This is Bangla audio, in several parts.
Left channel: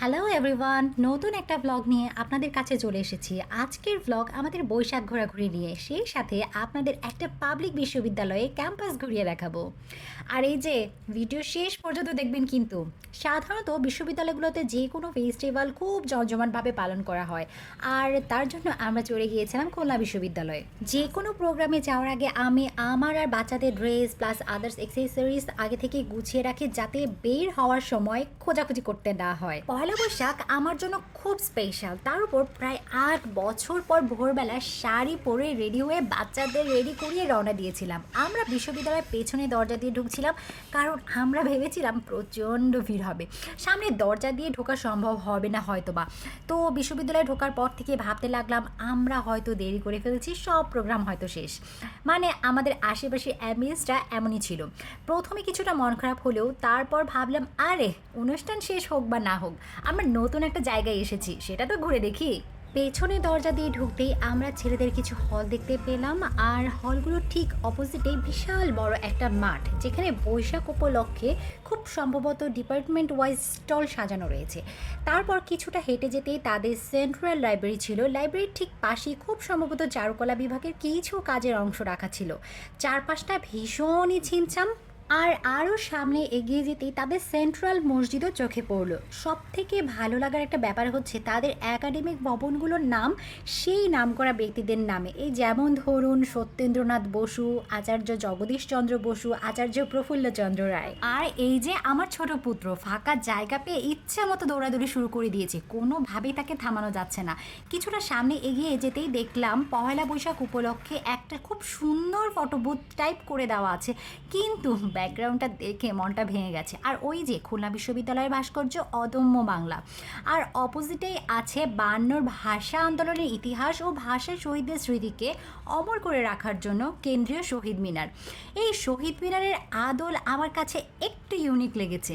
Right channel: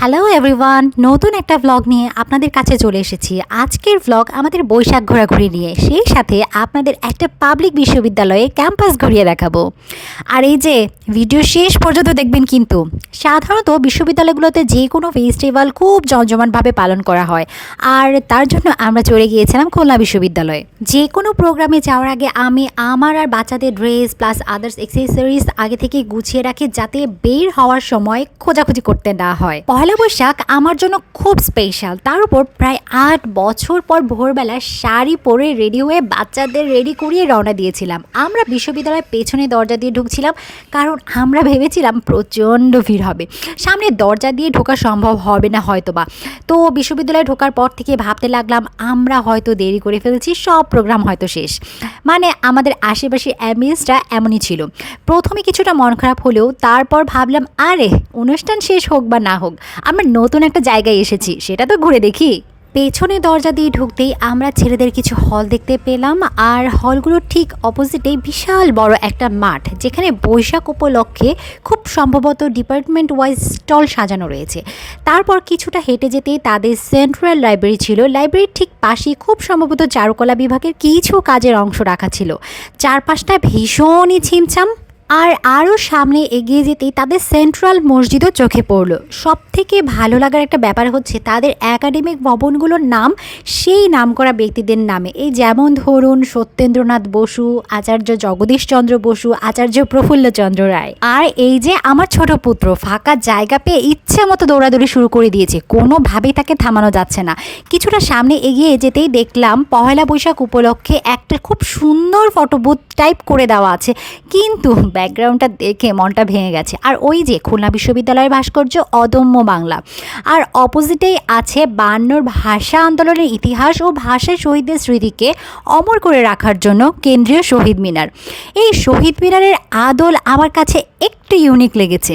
হ্যালো এভরিওয়ান, নতুন একটা ভ্লগ নিয়ে আপনাদের কাছে চলে এসেছি। আজকের ভ্লগ আমাদের বৈশাখ ঘোরাঘুরি নিয়ে, সেই সাথে আপনাদের একটা পাবলিক বিশ্ববিদ্যালয়ে ক্যাম্পাস ঘুরিয়ে দেখাবো। আর এই যে ভিডিও শেষ পর্যন্ত দেখবেন কিন্তু। সাধারণত বিশ্ববিদ্যালয়গুলোতে যে কোনো ফেস্টিভ্যাল খুব জমজমাটভাবে পালন করা হয়, আর তার জন্য আমরা চলে গিয়েছিলাম খুলনা বিশ্ববিদ্যালয়ে। যে কোনো প্রোগ্রামে যাওয়ার আগে আমি আমার আর বাচ্চাদের ড্রেস প্লাস আদার্স অ্যাক্সেসরিজ আগে থেকে গুছিয়ে রাখি, যাতে বের হওয়ার সময় খোঁজাখুঁজি করতে না হয়। পয়লা বৈশাখ আমার জন্য খুব স্পেশাল, তার উপর প্রায় ৮ বছর পর ভোরবেলা শাড়ি পরে রেডি হয়ে বাচ্চাদের রেডি করিয়ে রওনা দিয়েছিলাম। আমরা বিশ্ববিদ্যালয়ের পেছনে দরজা দিয়ে ঢুকছিলাম, কারণ আমরা ভেবেছিলাম প্রচণ্ড ভিড় হবে, সামনে দরজা দিয়ে ঢোকা সম্ভব হবে না হয়তোবা। তো বিশ্ববিদ্যালয়ে ঢোকার পর থেকে ভাবতে লাগলাম আমরা হয়তো দেরি করে ফেলছি, সব প্রোগ্রাম হয়তো শেষ। মানে আমাদের আশেপাশে অ্যাম্বিয়েন্সটা এমনই ছিল। প্রথমে কিছুটা মন খারাপ হলেও তারপর ভাবলাম আরে অনুষ্ঠান শেষ হোক বা না হোক, আমরা নতুন একটা জায়গায় এসেছি, সেটা তো ঘুরে দেখি। পেছনে দরজা দিয়ে ঢুকতেই আমরা ছেলেদের কিছু হল দেখতে পেলাম, আর হলগুলোর ঠিক অপোজিটেই বিশাল বড় একটা মাঠ, যেখানে বৈশাখ উপলক্ষে খুব সম্ভবত ডিপার্টমেন্ট ওয়াইজ স্টল সাজানো রয়েছে। তারপর কিছুটা হেঁটে যেতেই তাদের সেন্ট্রাল লাইব্রেরি ছিল। লাইব্রেরির ঠিক পাশেই খুব সম্ভবত চারুকলা বিভাগের কিছু কাজের অংশ রাখা ছিল। চারপাশটা ভীষণই ছিমছাম। আর আরও সামনে এগিয়ে যেতেই তাদের সেন্ট্রাল মসজিদও চোখে পড়ল। সব থেকে ভালো লাগার একটা ব্যাপার হচ্ছে তাদের একাডেমিক ভবনগুলোর নাম সেই নামকরা ব্যক্তিদের নামে। এই যেমন ধরুন সত্যেন্দ্রনাথ বসু, আচার্য জগদীশচন্দ্র বসু, আচার্য প্রফুল্লচন্দ্র রায়। আর এই যে আমার ছোট পুত্র ফাঁকা জায়গা পেয়ে ইচ্ছে মতো দৌড়াদৌড়ি শুরু করে দিয়েছে, কোনোভাবেই তাকে থামানো যাচ্ছে না। কিছুটা সামনে এগিয়ে যেতেই দেখলাম পহেলা বৈশাখ উপলক্ষে একটা খুব সুন্দর ফটোবুথ টাইপ করে দেওয়া আছে, কিন্তু ব্যাকগ্রাউন্ডটা দেখে মনটা ভেঙে গেছে। আর ওই যে খুলনা বিশ্ববিদ্যালয়ের ভাস্কর্য অদম্য বাংলা, আর অপোজিটেই আছে ৫২ ভাষা আন্দোলনের ইতিহাস ও ভাষা শহীদদের স্মৃতিকে অমর করে রাখার জন্য কেন্দ্রীয় শহীদ মিনার। এই শহীদ মিনারের আদল আমার কাছে একটু ইউনিক লেগেছে।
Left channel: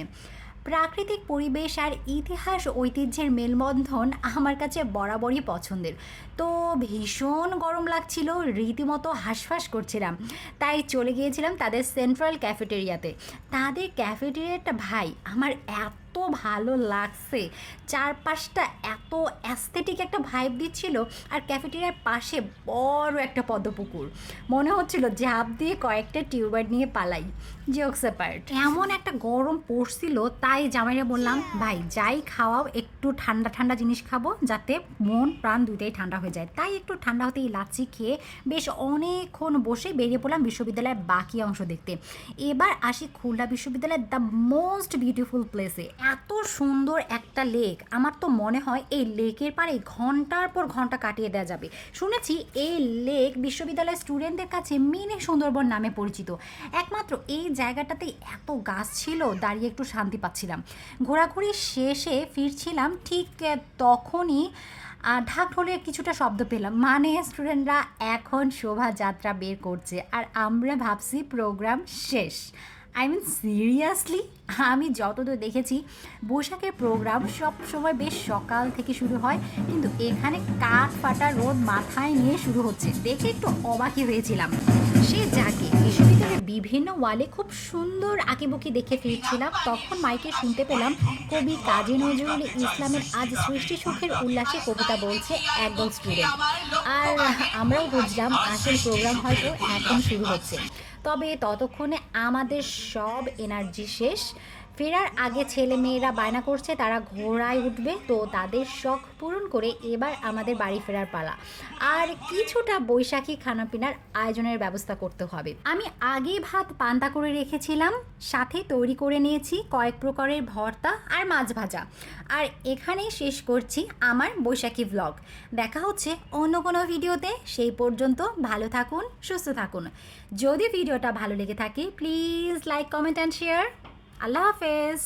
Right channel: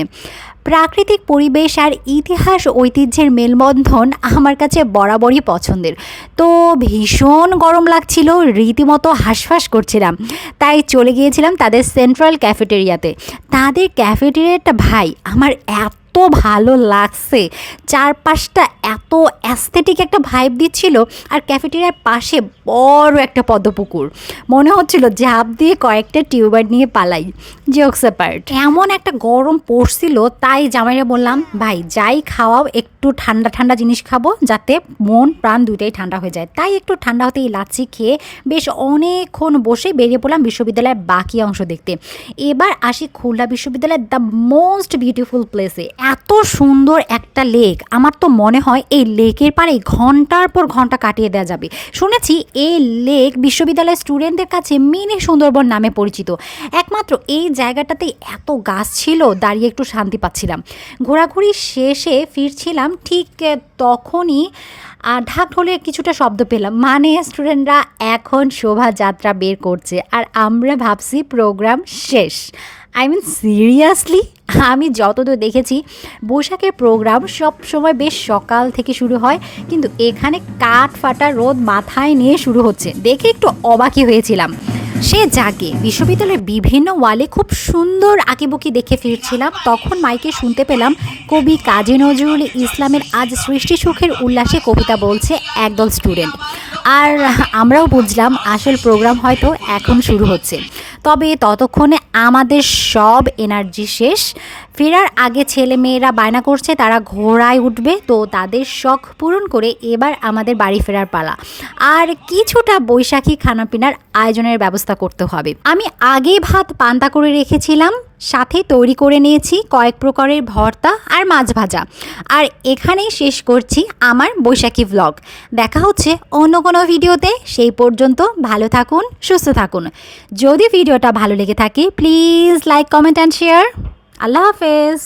প্রাকৃতিক পরিবেশ আর ইতিহাস ঐতিহ্যের মেলবন্ধন আমার কাছে বরাবরই পছন্দের। তো ভীষণ গরম লাগছিল, রীতিমতো হাঁসফাঁস করছিলাম, তাই চলে গিয়েছিলাম তাদের সেন্ট্রাল ক্যাফেটেরিয়াতে। তাদের ক্যাফেটেরিয়াটা ভাই আমার এত ভালো লাগছে, চারপাশটা এত অ্যাস্থেটিক একটা ভাইব দিচ্ছিল। আর ক্যাফেটেরিয়ার পাশে বড় একটা পদ্মপুকুর, মনে হচ্ছিল ঝাঁপ দিয়ে কয়েকটা টিউবার নিয়ে পালাই। জোকস অ্যাপার্ট, এমন একটা গরম পড়ছিল, তাই জামাইরা বললাম ভাই যাই খাওয়াও একটু ঠান্ডা ঠান্ডা জিনিস খাবো, যাতে মন প্রাণ দুইটাই ঠান্ডা হয়ে যায়। তাই একটু ঠান্ডা হতেই লাচ্ছি খেয়ে বেশ অনেকক্ষণ বসে বেরিয়ে পড়লাম বিশ্ববিদ্যালয়ের বাকি অংশ দেখতে। এবার আসি খুলনা বিশ্ববিদ্যালয়ের দ্য মোস্ট বিউটিফুল প্লেসে। এত সুন্দর একটা লেক, আমার তো মনে হয় এই লেকের পাড়ে ঘন্টার পর ঘন্টা কাটিয়ে দেওয়া যাবে। শুনেছি এই লেক বিশ্ববিদ্যালয়ের স্টুডেন্টদের কাছে মিনি সুন্দরবন নামে পরিচিত। একমাত্র এই জায়গাটাতে এত গাছ ছিল, দাঁড়িয়ে একটু শান্তি পাচ্ছিলাম। ঘোরাঘুরি শেষে ফিরছিলাম, ঠিক তখনই ঢাক ঢোলের কিছুটা শব্দ পেলাম, মানে স্টুডেন্টরা এখন শোভাযাত্রা বের করছে, আর আমরা ভাবছি প্রোগ্রাম শেষ। আই মিন সিরিয়াসলি, আমি যতদূর দেখেছি বৈশাখের প্রোগ্রাম সব সময় বেশ সকাল থেকে শুরু হয়, কিন্তু এখানে কাঠ ফাটা রোদ মাথায় নিয়ে শুরু হচ্ছে দেখে একটু অবাকই হয়েছিলাম। সে যাকে বিশ্ববিদ্যালয়ের বিভিন্ন ওয়ালে খুব সুন্দর আঁকিবুকি দেখে ফিরছিলাম, তখন মাইকে শুনতে পেলাম কবি কাজী নজরুল ইসলামের আজ সৃষ্টি সুখের উল্লাসে কবিতা বলছে একদল স্টুডেন্ট। আর আমরাও বুঝলাম আসল প্রোগ্রাম হয়তো এখন শুরু হচ্ছে। তবে ততক্ষণে আমাদের সব এনার্জি শেষ। ফেরার আগে ছেলে মেয়েরা বায়না করছে তারা ঘোড়ায় উঠবে, তো তাদের শখ পূরণ করে এবার আমাদের বাড়ি ফেরার পালা। আর কিছুটা বৈশাখী খানাপিনার আয়োজনের ব্যবস্থা করতে হবে। আমি আগেই ভাত পান্তা করে রেখেছিলাম, সাথে তৈরি করে নিয়েছি কয়েক প্রকারের ভর্তা আর মাছ ভাজা। আর এখানেই শেষ করছি আমার বৈশাখী ভ্লগ। দেখা হচ্ছে অন্য কোনো ভিডিওতে, সেই পর্যন্ত ভালো থাকুন, সুস্থ থাকুন। যদি ভিডিওটা ভালো লেগে থাকে please like, comment and share. আল্লাহ হাফেজ।